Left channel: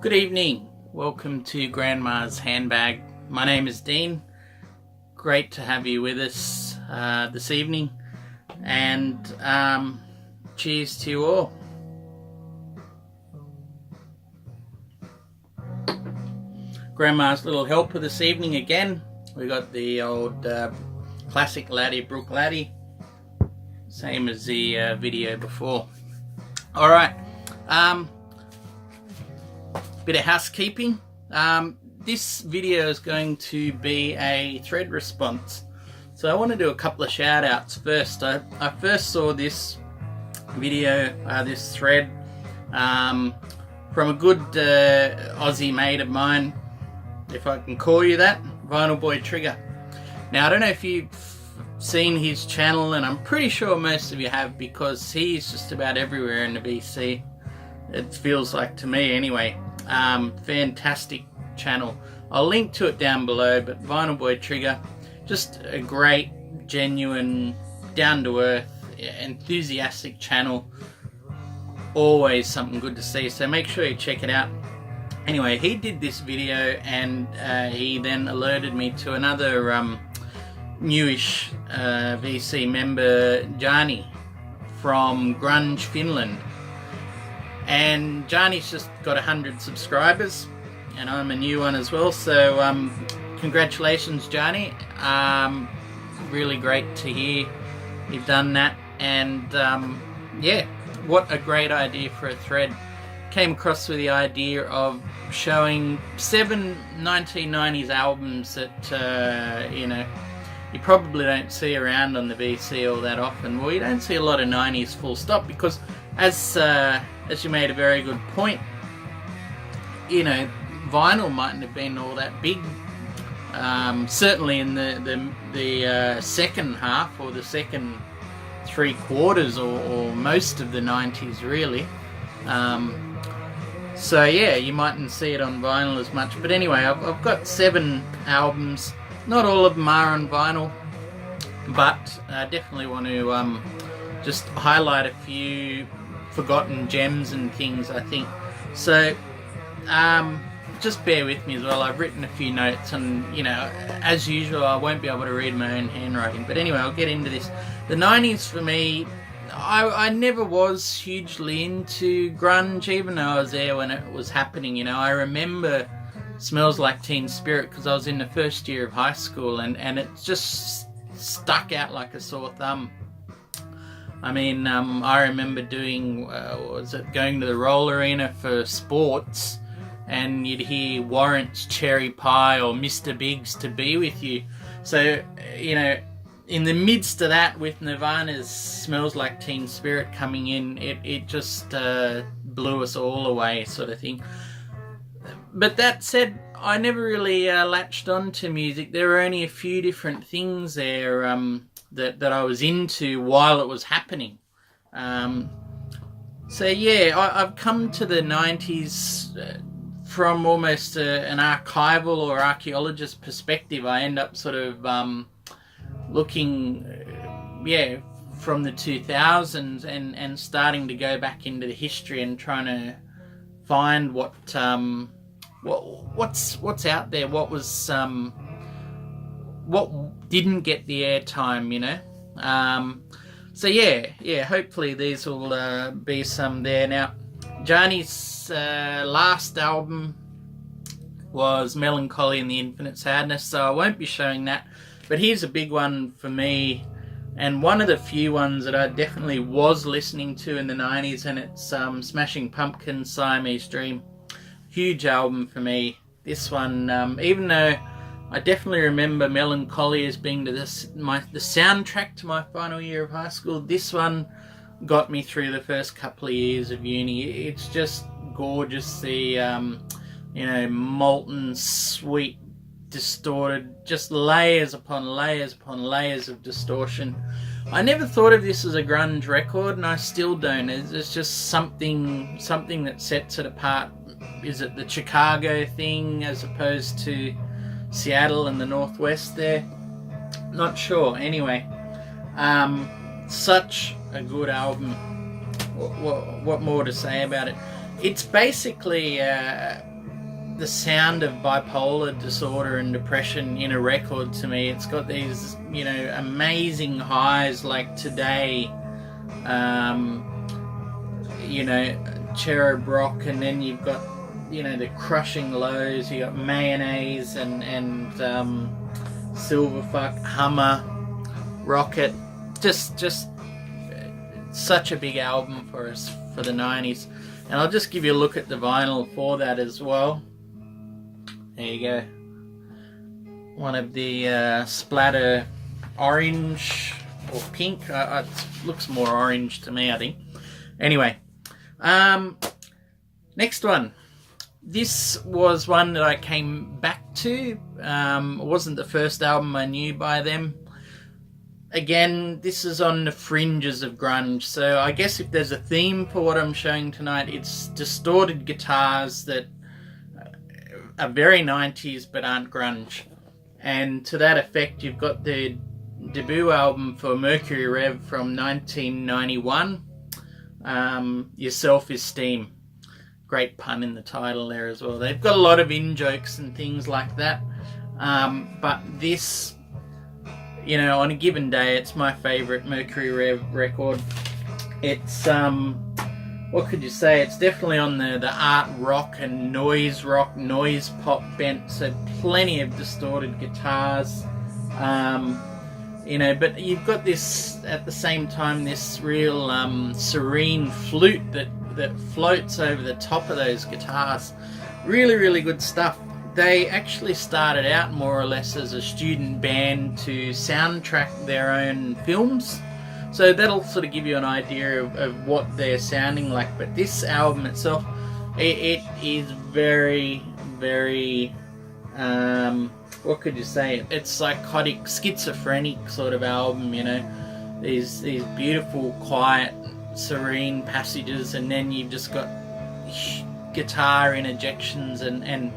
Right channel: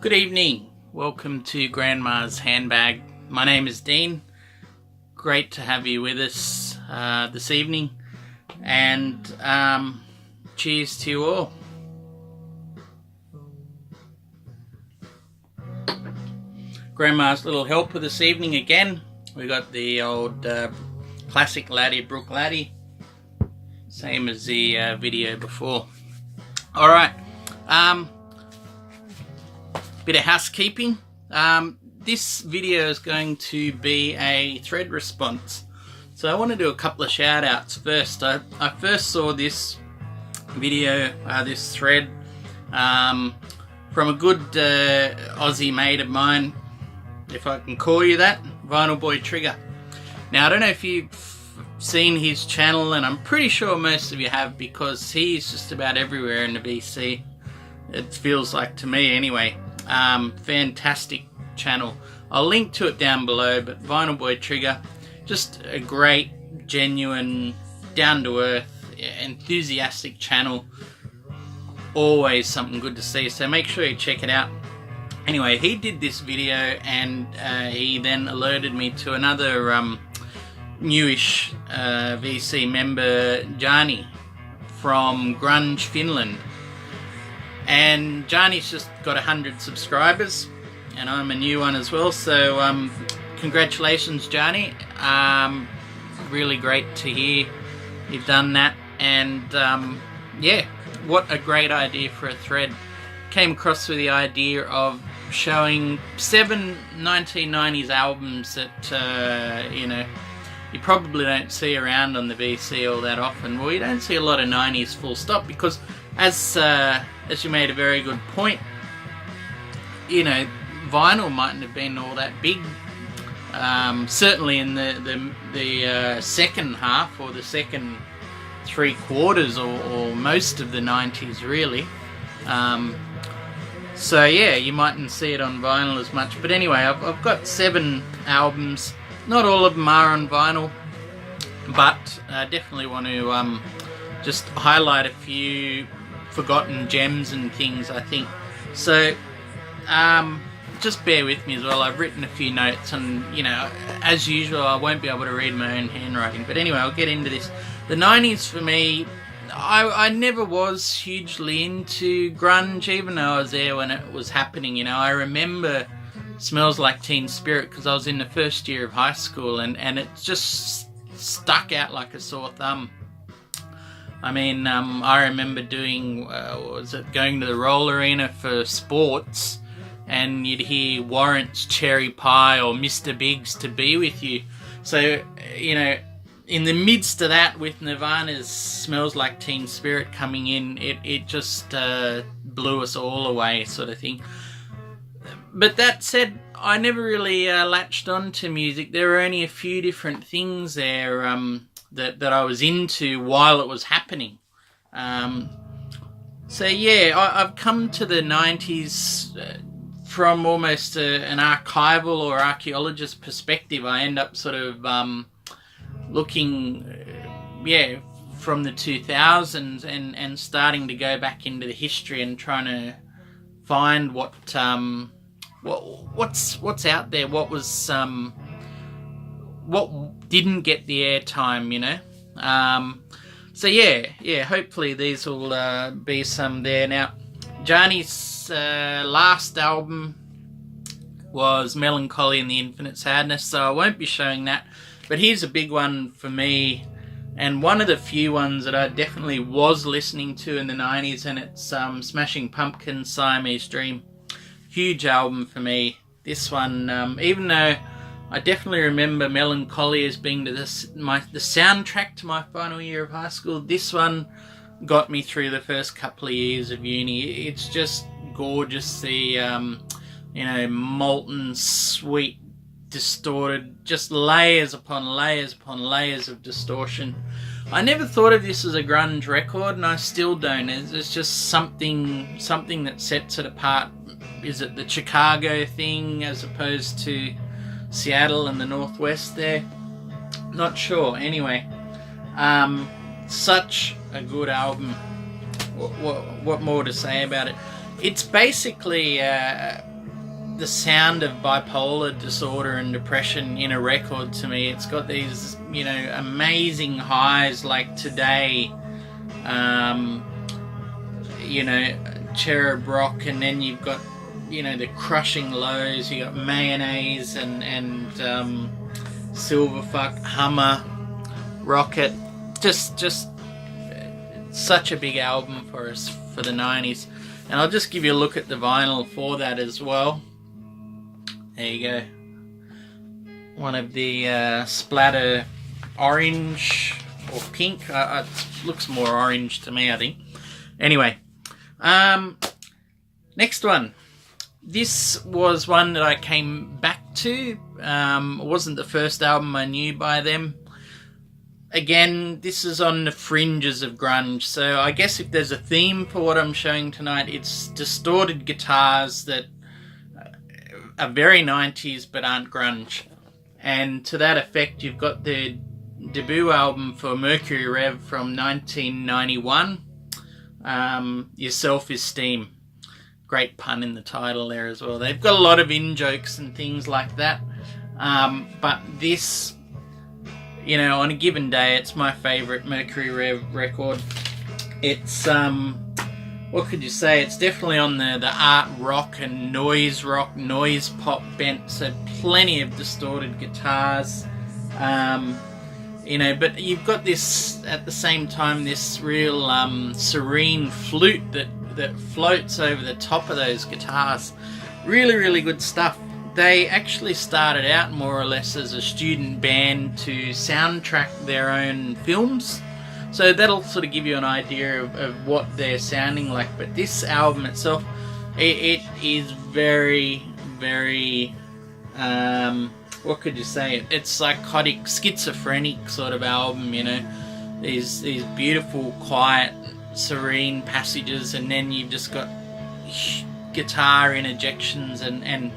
Good evening. Welcome to Grandma's Handbag. My name is Dean. Great to have you with us this evening. And cheers to you all. Grandma's little helper this evening again. We got the old classic laddie, Brook laddie. Same as the video before. Alright. Bit of housekeeping. This video is going to be a thread response. So I want to do a couple of shout outs first. I first saw this video, this thread, from a good Aussie mate of mine, if I can call you that, Vinyl Boy Trigger. Now I don't know if you've seen his channel, and I'm pretty sure most of you have, because he's just about everywhere in the BC. It feels like to me anyway. Fantastic channel. I'll link to it down below, but Vinyl Boy Trigger, just a great, genuine, down-to-earth, enthusiastic channel. Always something good to see, so make sure you check it out. Anyway, he did this video, and he then alerted me to another newish VC member, Jani, from GrungeFinland. And Jani's just got 100 subscribers, and I'm a new one as well, so congratulations, Jani. Really great to hear you've done that, and yeah, what a great idea for a thread. Came across with the idea of showing 7 1990s albums that you probably don't see around on the VC all that often. Well, you don't see a lot of 90s full stop, because as you made a very good point, vinyl mightn't have been all that big. Certainly in the second half, or the second 3/4, or most of the 90s really. So yeah, you mightn't see it on vinyl as much. But anyway, I've got 7 albums. Not all of them are on vinyl, but I definitely want to just highlight a few forgotten gems and things, I think. So just bear with me as well. I've written a few notes, and as usual, I won't be able to read my own handwriting. But anyway, I'll get into this. The 90s for me, I never was hugely into grunge, even though I was there when it was happening. I remember Smells Like Teen Spirit, because I was in the first year of high school, and it just stuck out like a sore thumb. I mean, I remember doing, going to the roll arena for sports, and you'd hear Warrant's Cherry Pie or Mr. Big's To Be With You. So, in the midst of that, with Nirvana's Smells Like Teen Spirit coming in, it just blew us all away, sort of thing. But that said, I never really latched on to music. There were only a few different things there that I was into while it was happening. So yeah, I've come to the 90s from almost an archival or archaeologist perspective. I end up sort of looking, from the 2000s and starting to go back into the history and trying to find what's out there, what was what didn't get the airtime, so yeah, hopefully these will be some there. Now, Jani's last album was Melancholy and the Infinite Sadness, so I won't be showing that, but here's a big one for me, and one of the few ones that I definitely was listening to in the 90s, and it's Smashing Pumpkins' Siamese Dream. Huge album for me. This one, even though I definitely remember Melancholy as being the soundtrack to my final year of high school, this one got me through the first couple of years of uni. It's just gorgeous. The molten, sweet, distorted, just layers upon layers upon layers of distortion. I never thought of this as a grunge record, and I still don't. It's just something that sets it apart. Is it the Chicago thing as opposed to Seattle and the Northwest there? Not sure. Anyway, such a good album. What more to say about it? It's basically the sound of bipolar disorder and depression in a record to me. It's got these, you know, amazing highs like Today, you know, Cherub Rock, and then you've got, you know, the crushing lows. You got Mayonnaise and Silverfuck, Hummer, Rocket. Just such a big album for us for the 90s. And I'll just give you a look at the vinyl for that as well. There you go. One of the splatter orange or pink. It looks more orange to me, I think. Anyway, next one. This was one that I came back to. It wasn't the first album I knew by them. Again, this is on the fringes of grunge, so I guess if there's a theme for what I'm showing tonight, it's distorted guitars that are very 90s but aren't grunge. And to that effect, you've got the debut album for Mercury Rev from 1991, Your Self-Esteem. Great pun in the title there as well. They've got a lot of in-jokes and things like that, but this, you know, on a given day, it's my favourite Mercury Rev record. It's, what could you say? It's definitely on the art rock and noise rock, noise pop bent, so plenty of distorted guitars. You know, but you've got this, at the same time, this real serene flute that floats over the top of those guitars. Really, really good stuff. They actually started out more or less as a student band to soundtrack their own films. So that'll sort of give you an idea of what they're sounding like. But this album itself, it is very, very, what could you say? It's psychotic, schizophrenic sort of album, you know. These beautiful, quiet, serene passages, and then you've just got guitar interjections and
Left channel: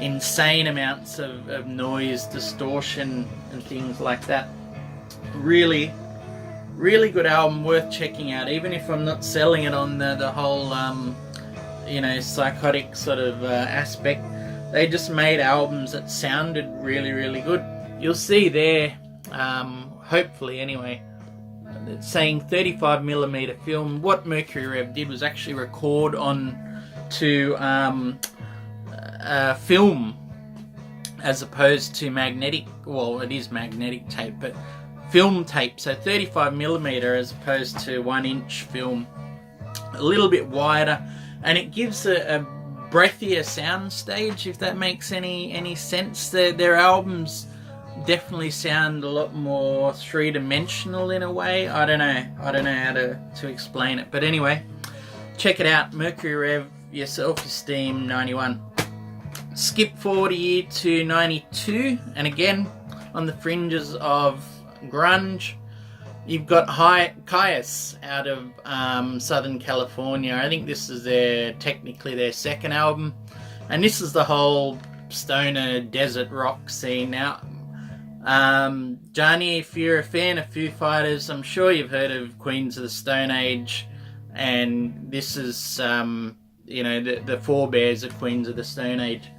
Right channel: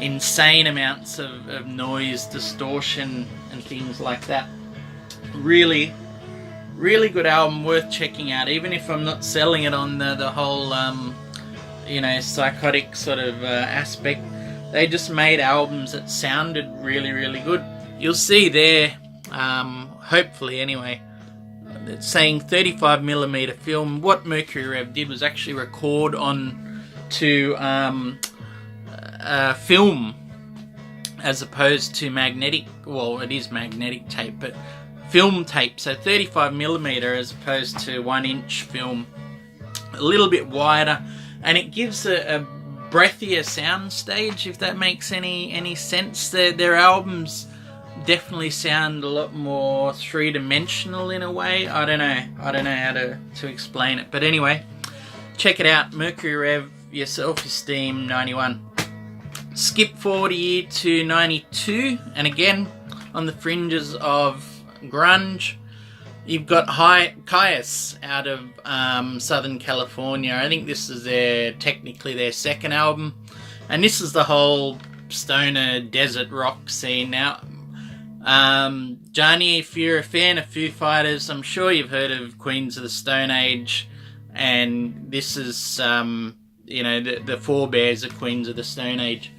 insane amounts of noise, distortion and things like that. Really, really good album, worth checking out, even if I'm not selling it on the whole you know, psychotic sort of aspect. They just made albums that sounded really, really good. You'll see there, hopefully anyway, it's saying 35mm film. What Mercury Rev did was actually record on to film as opposed to magnetic. Well, it is magnetic tape, but film tape. So 35mm as opposed to 1-inch film, a little bit wider, and it gives a breathier sound stage, if that makes any sense. Their albums definitely sound a lot more three-dimensional in a way. I don't know how to explain it, but anyway, check it out. Mercury Rev, Your Self-Esteem, 91. Skip forward a year to 92, and again on the fringes of grunge, you've got Caius out of Southern California. I think this is technically their second album, and this is the whole stoner desert rock scene. Now, Jani, if you're a fan of Foo Fighters, I'm sure you've heard of Queens of the Stone Age, and this is you know, the forebears of Queens of the Stone Age.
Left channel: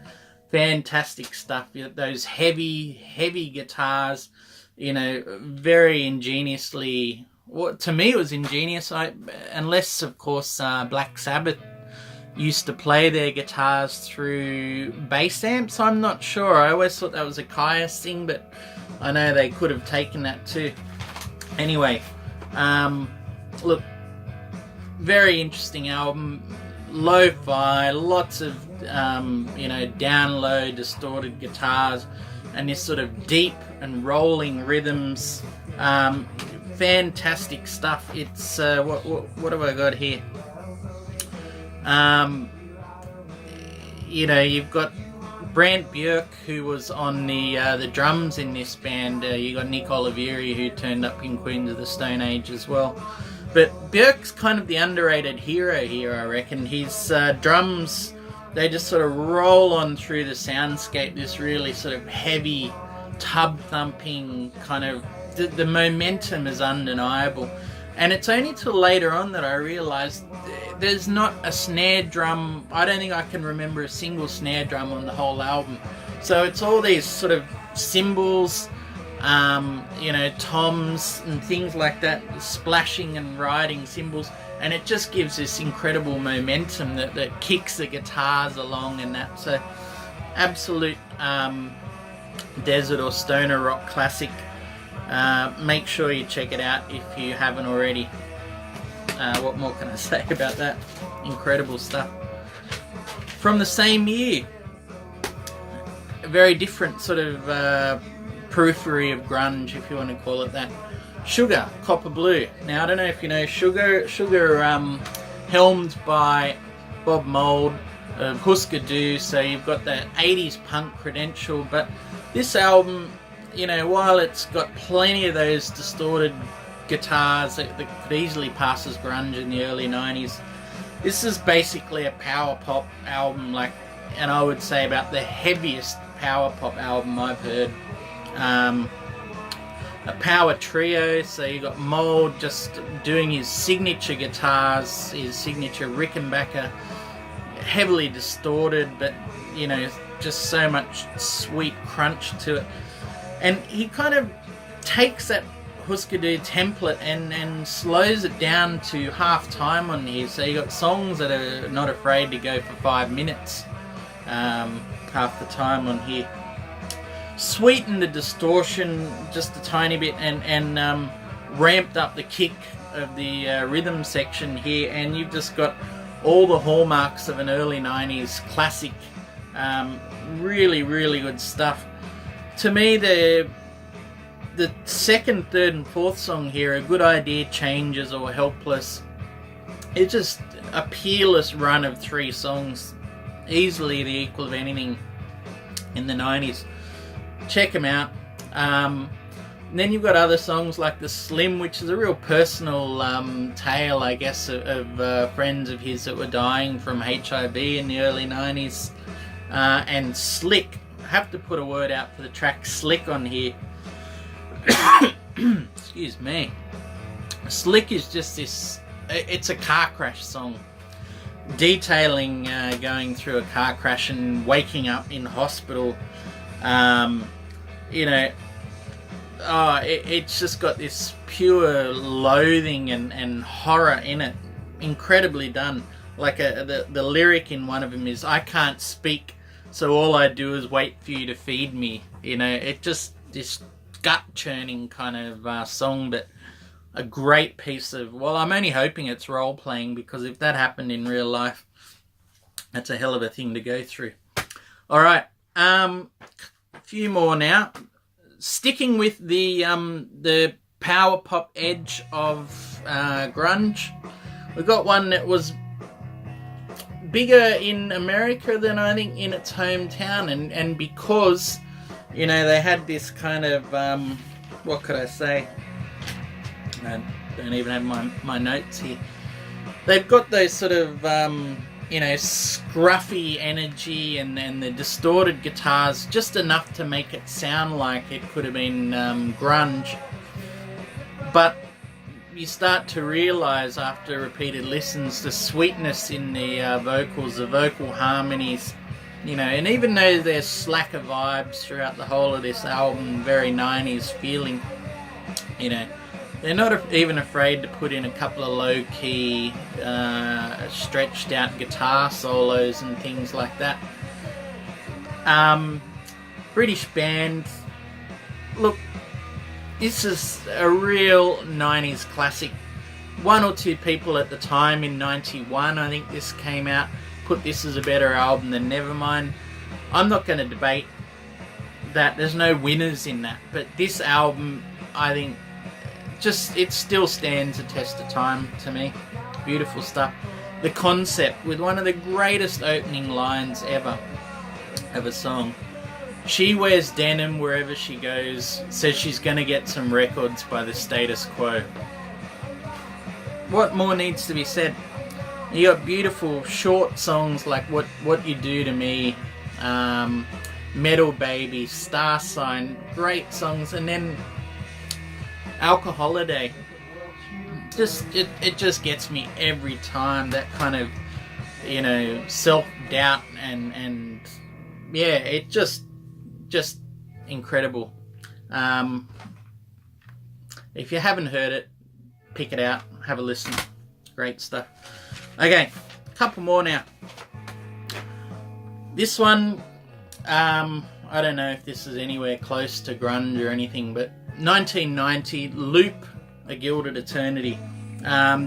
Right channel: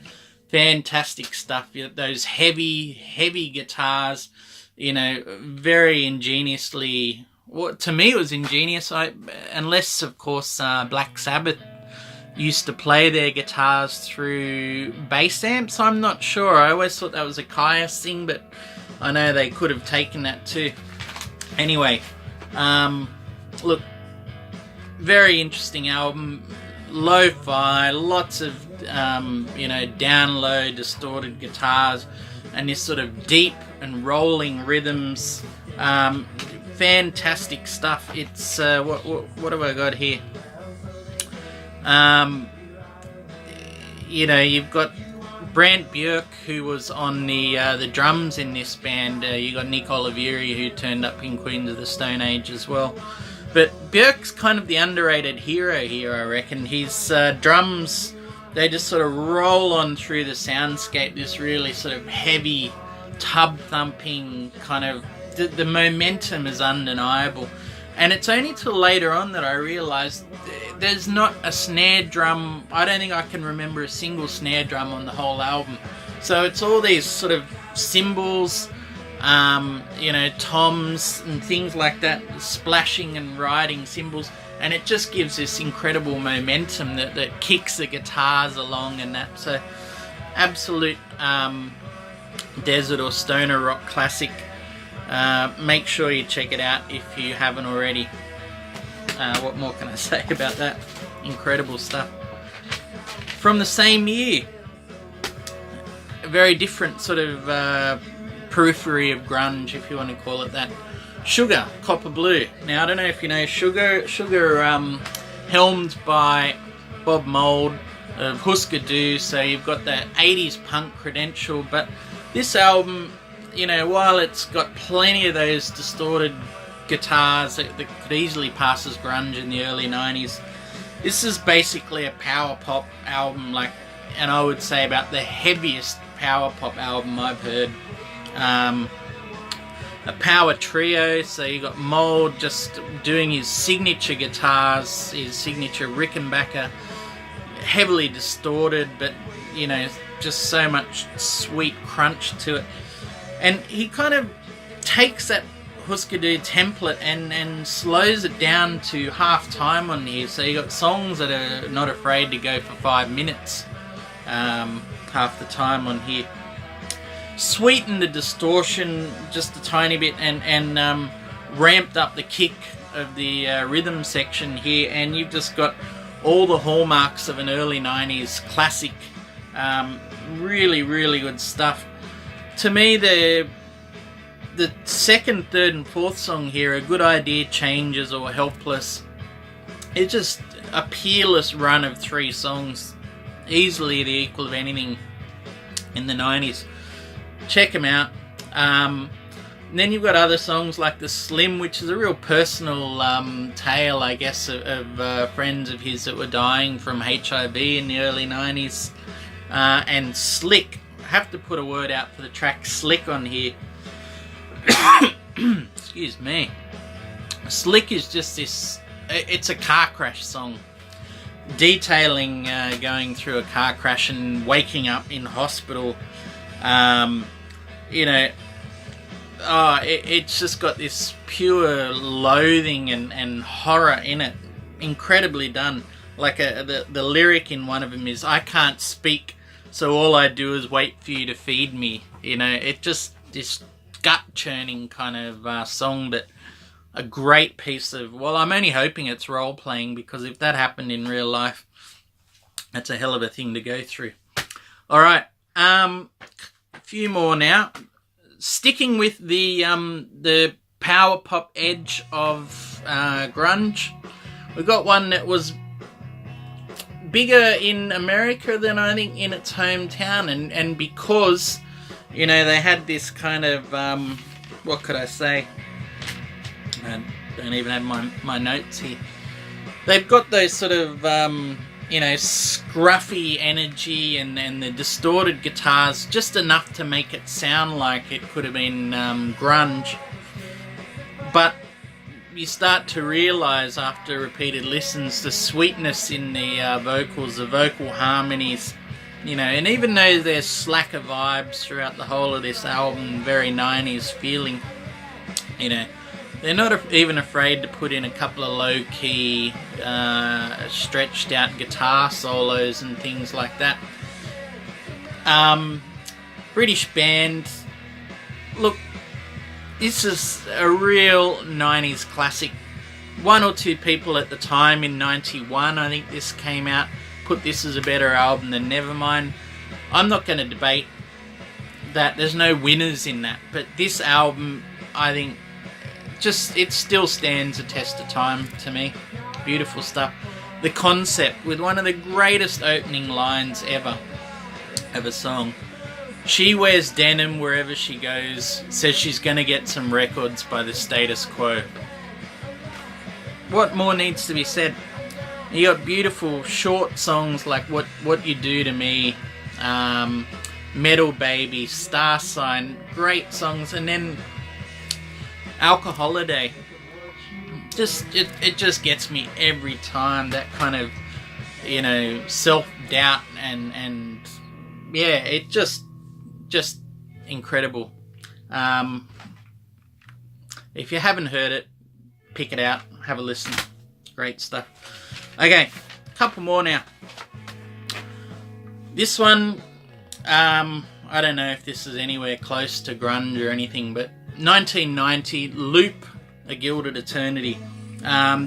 Fantastic stuff. Those heavy guitars, you know, very ingeniously. Well, to me, it was ingenious. Unless, of course, Black Sabbath used to play their guitars through bass amps. I'm not sure. I always thought that was a Caius thing, but I know they could have taken that too. Anyway, look, very interesting album. Lo-fi, lots of you know, down low distorted guitars, and this sort of deep and rolling rhythms. Fantastic stuff. It's what have I got here? You know, you've got Brant Björk, who was on the drums in this band. You got Nick Oliveri, who turned up in Queens of the Stone Age as well. But Björk's kind of the underrated hero here, I reckon. His drums, they just sort of roll on through the soundscape, this really sort of heavy, tub-thumping kind of... The momentum is undeniable. And it's only till later on that I realised there's not a snare drum. I don't think I can remember a single snare drum on the whole album. So it's all these sort of cymbals, you know, toms and things like that, splashing and riding cymbals, and it just gives this incredible momentum that kicks the guitars along and that. So absolute desert or stoner rock classic. Make sure you check it out if you haven't already. What more can I say about that? Incredible stuff. From the same year, a very different sort of periphery of grunge, if you want to call it that. Sugar, Copper Blue. Now I don't know if you know Sugar, helmed by Bob Mould of Husker Du, so you've got that 80s punk credential, but this album, you know, while it's got plenty of those distorted guitars that could easily pass as grunge in the early 90s, this is basically a power pop album, like, and I would say about the heaviest power pop album I've heard. A power trio, so you got Mould just doing his signature guitars, his signature Rickenbacker, heavily distorted, but you know, just so much sweet crunch to it. And he kind of takes that Husker Du template and slows it down to half time on here. So you got songs that are not afraid to go for 5 minutes, half the time on here. Sweetened the distortion just a tiny bit and ramped up the kick of the rhythm section here, and you've just got all the hallmarks of an early 90s classic. Really, really good stuff. To me, the second, third and fourth song here, A Good Idea, Changes or Helpless, it's just a peerless run of 3 songs, easily the equal of anything in the 90s. Check them out. And then you've got other songs like The Slim, which is a real personal tale, I guess, of friends of his that were dying from HIV in the early 90s. And Slick. I have to put a word out for the track Slick on here. Excuse me. Slick is just this, it's a car crash song, detailing going through a car crash and waking up in hospital. You know, it's just got this pure loathing and horror in it. Incredibly done. Like the lyric in one of them is, I can't speak, so all I do is wait for you to feed me. You know, it just, this gut-churning kind of song, but a great piece of, well, I'm only hoping it's role-playing, because if that happened in real life, that's a hell of a thing to go through. Alright, a few more now. Sticking with the power pop edge of grunge, we got one that was bigger in America than I think in its hometown, and because, you know, they had this kind of what could I say? I don't even have my notes here. They've got those sort of you know, scruffy energy and the distorted guitars, just enough to make it sound like it could have been grunge. But you start to realise after repeated listens the sweetness in the vocals, the vocal harmonies, you know, and even though there's slacker vibes throughout the whole of this album, very 90s feeling, you know, they're not even afraid to put in a couple of low-key, stretched out guitar solos and things like that. British band. Look, this is a real 90s classic. One or two people at the time in 91, I think this came out, put this as a better album than Nevermind. I'm not going to debate that. There's no winners in that. But this album, I think, just, it still stands a test of time to me. Beautiful stuff. The concept, with one of the greatest opening lines ever of a song. She wears denim wherever she goes, says she's going to get some records by the status quo. What more needs to be said? You got beautiful short songs like What You Do to Me, Metal Baby, Star Sign, great songs, and then Alcoholiday. it just gets me every time. That kind of, you know, self-doubt and yeah, it just incredible. If you haven't heard it, pick it out, have a listen. Great stuff. Okay, a couple more now. This one, I don't know if this is anywhere close to grunge or anything, but 1990, Loop, A Gilded Eternity.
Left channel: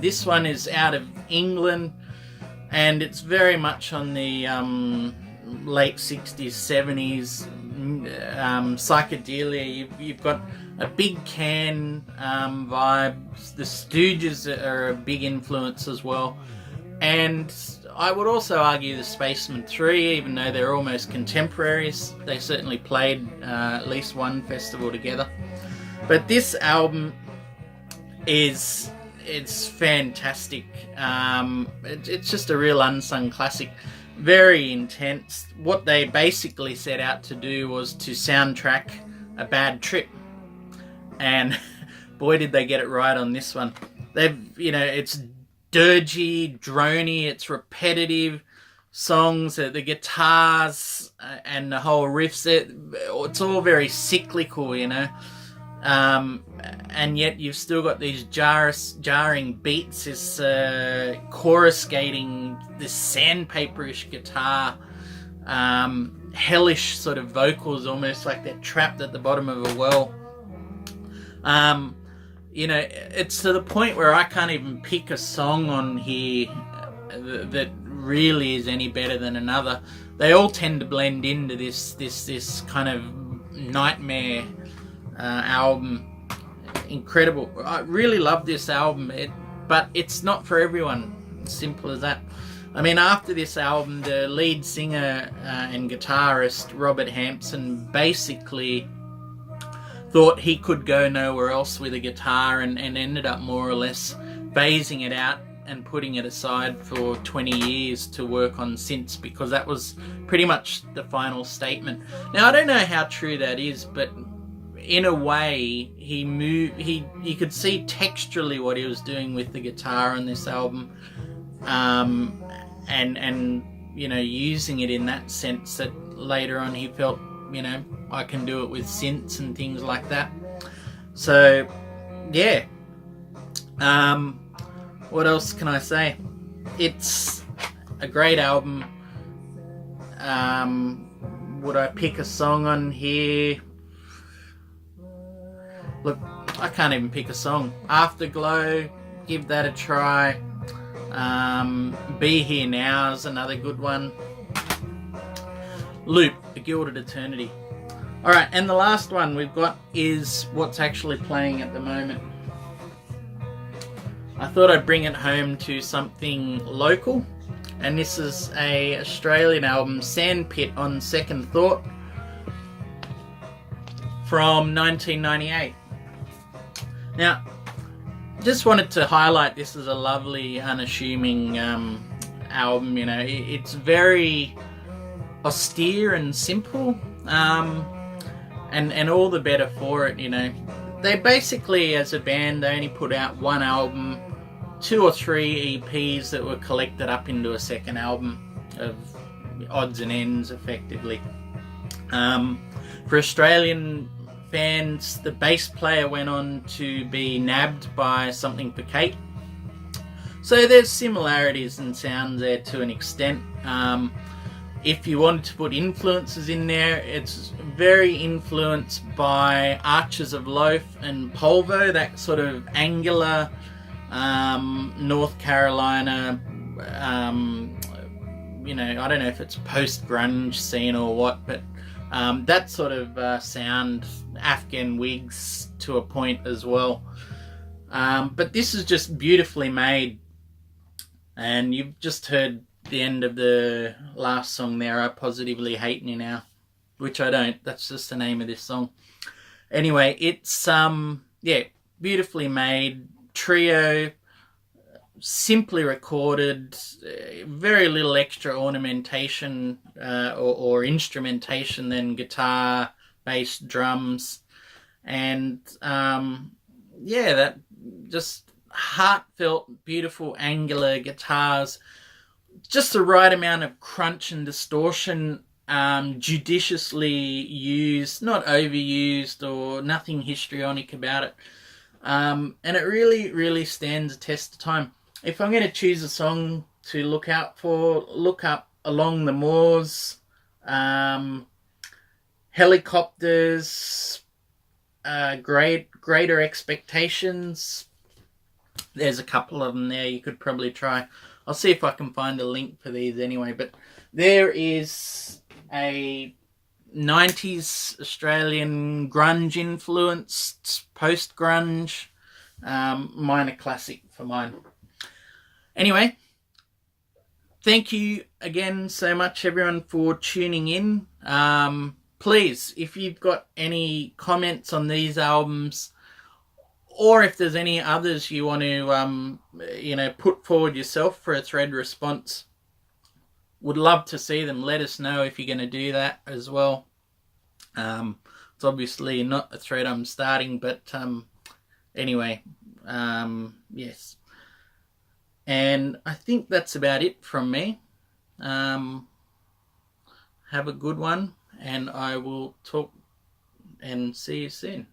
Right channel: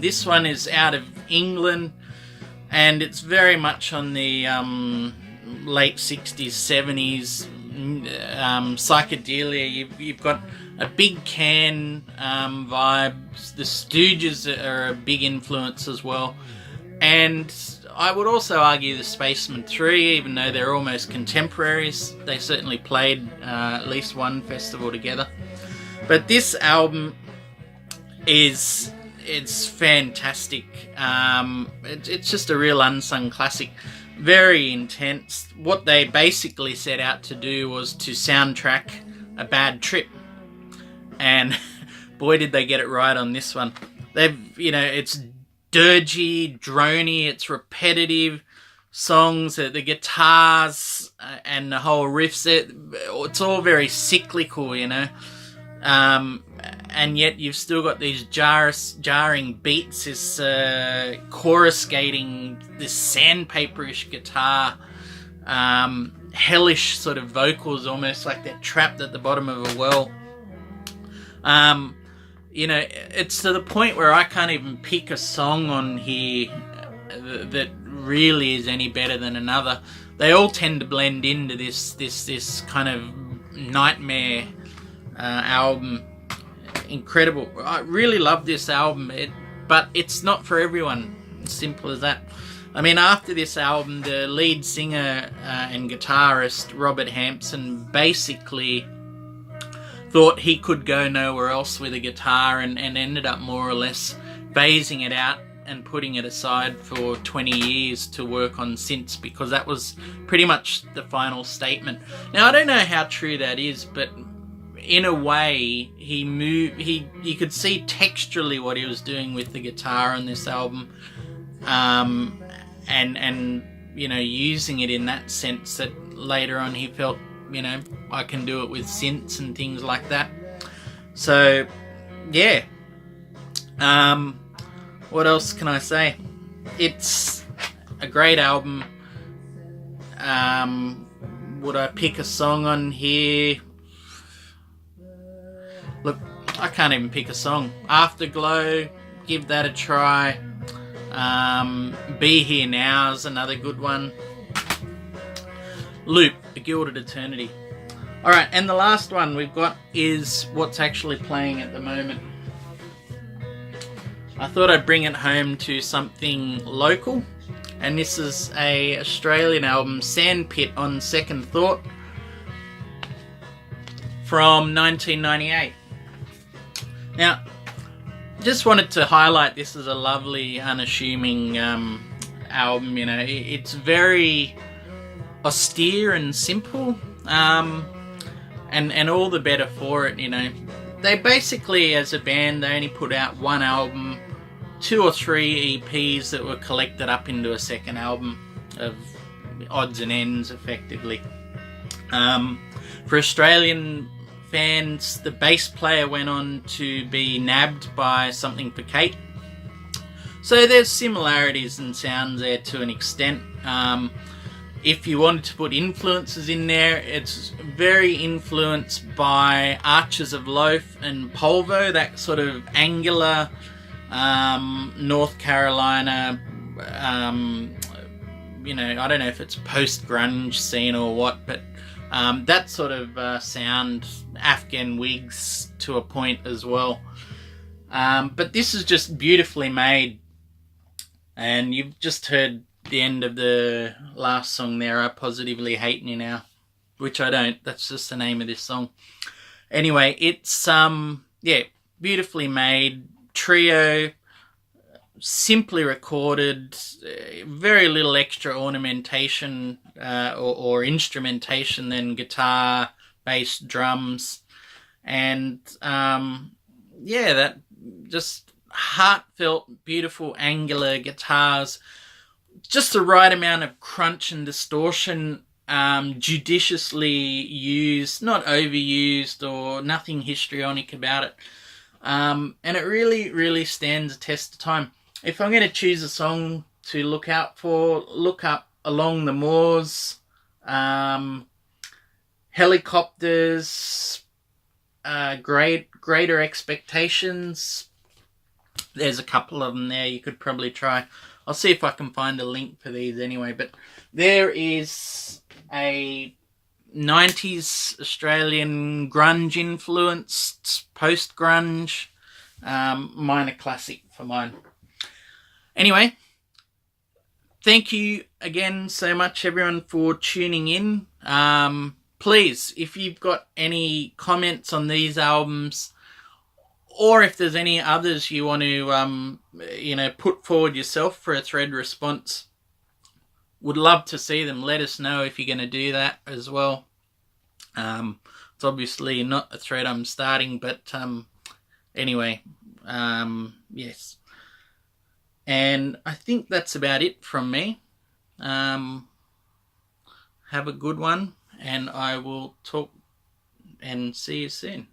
This one is out of England, and it's very much on the late 60s, 70s psychedelia. You've got a big can vibe. The Stooges are a big influence as well, and I would also argue the Spacemen 3, even though they're almost contemporaries. They certainly played at least one festival together. But this album it's fantastic. It's just a real unsung classic. Very intense. What they basically set out to do was to soundtrack a bad trip. And boy, did they get it right on this one. It's dirgy, drony, it's repetitive songs, the guitars and the whole riffs, it's all very cyclical, you know. And yet you've still got these jarring beats, this coruscating, this sandpaperish guitar, hellish sort of vocals, almost like they're trapped at the bottom of a well. You know, it's to the point where I can't even pick a song on here that really is any better than another. They all tend to blend into this kind of nightmare album. Incredible. I really love this album, but it's not for everyone. As simple as that. I mean, after this album, the lead singer and guitarist Robert Hampson basically thought he could go nowhere else with a guitar and ended up more or less phasing it out and putting it aside for 20 years to work on synths, because that was pretty much the final statement. Now, I don't know how true that is, but in a way, you could see texturally what he was doing with the guitar on this album, and you know, using it in that sense that later on he felt, you know, I can do it with synths and things like that. So, yeah. What else can I say? It's a great album. Would I pick a song on here? Look, I can't even pick a song. Afterglow, give that a try. Be Here Now is another good one. Loop, A Gilded Eternity. Alright, and the last one we've got is what's actually playing at the moment. I thought I'd bring it home to something local, and this is a Australian album, Sandpit on Second Thought, from 1998. Now, just wanted to highlight this as a lovely, unassuming album. You know, it's very austere and simple, and all the better for it. You know, they basically, as a band, they only put out one album, 2 or 3 EPs that were collected up into a second album of odds and ends, effectively. For Australian fans, the bass player went on to be nabbed by Something for Kate. So there's similarities in sounds there to an extent. If you wanted to put influences in there, it's very influenced by Archers of Loaf and Polvo, that sort of angular North Carolina, you know, I don't know if it's post-grunge scene or what, but that sort of sound, Afghan wigs to a point as well. But this is just beautifully made, and you've just heard the end of the last song there, I Positively Hate You Now, which I don't, that's just the name of this song. Anyway, it's yeah, beautifully made, trio, simply recorded, very little extra ornamentation or instrumentation than guitar, bass, drums, and yeah, that just heartfelt, beautiful, angular guitars. Just the right amount of crunch and distortion, judiciously used, not overused or nothing histrionic about it. And it really, really stands the test of time. If I'm going to choose a song to look out for, look up Along the Moors, Helicopters, Greater Expectations. There's a couple of them there you could probably try. I'll see if I can find a link for these anyway. But there is a 90s Australian grunge influenced post-grunge minor classic for mine. Anyway, thank you again so much everyone for tuning in. Please, if you've got any comments on these albums, or if there's any others you want to put forward yourself for a thread response, would love to see them. Let us know if you're going to do that as well. It's obviously not a thread I'm starting, but anyway, yes. And I think that's about it from me. Have a good one, and I will talk and see you soon.